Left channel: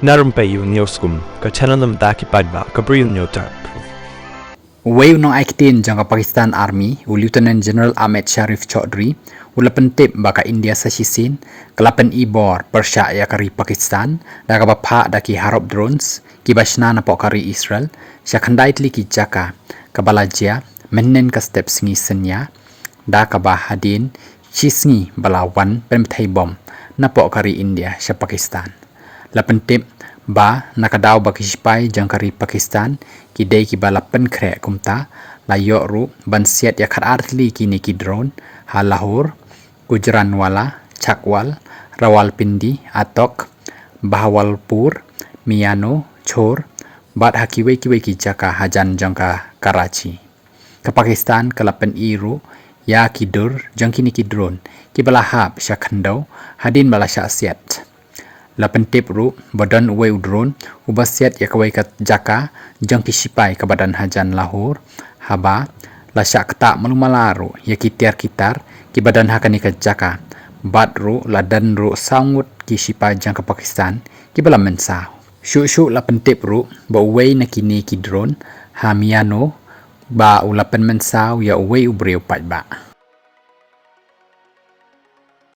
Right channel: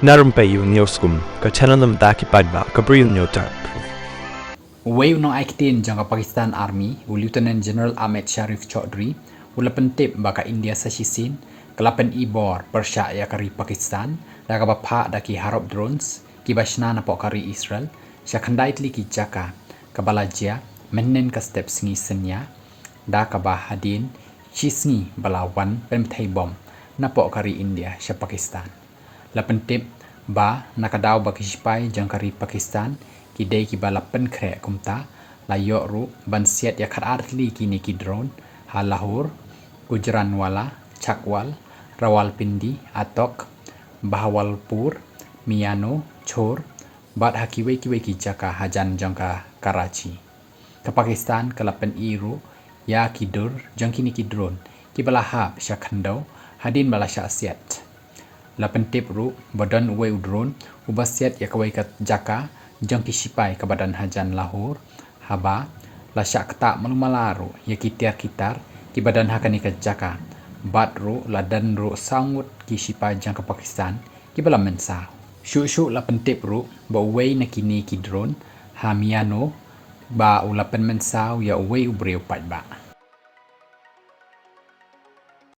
Narumpayu nioskum, ka chananam daki padba, ka brill nyotar. Way no aikitin jangka Pakistan Army, Lieutenant General Ahmed Sharif Chaudhry, ulapan tip baka India sasisin, kelapan ibor persya ya kari Pakistan, daga bapa daki harap drones, kibasna na kari Israel, syakandai tli ki jaka, kabalajia, menen ka step singi senya, da kabahadin, cisngi balawan pemthai bom, na kari India sya Pakistan. Lapan tip ba nakadaw baki sipai jangkari Pakistan kidai ki balapan krek kumta layok ru bansiat ya khat artli kini ki drone ha Lahore Gujranwala Chakwal Rawalpindi Atok Bahawalpur Miano Chor bat hakiwe kiwe ki jaka hajan jangka Karachi ke Pakistan ke lapan iru ya kidur jangkini ki drone ki balahap syakhandau hadin balasya siat lapan tip ru badan uwe drone ubasiat ya kawai kat jaka jang kisipai ke badan hajan Lahore haba lasyak tak malumalaru ya kitiar kitar ki badan hakani kat jaka bat ru ladan ru sangut kisipai jang ke Pakistan ki bala mensah syuk lapan tip ru ba uwe nakini ki drone hamiano ba ulapan mensah ya uwe ubreu pat ba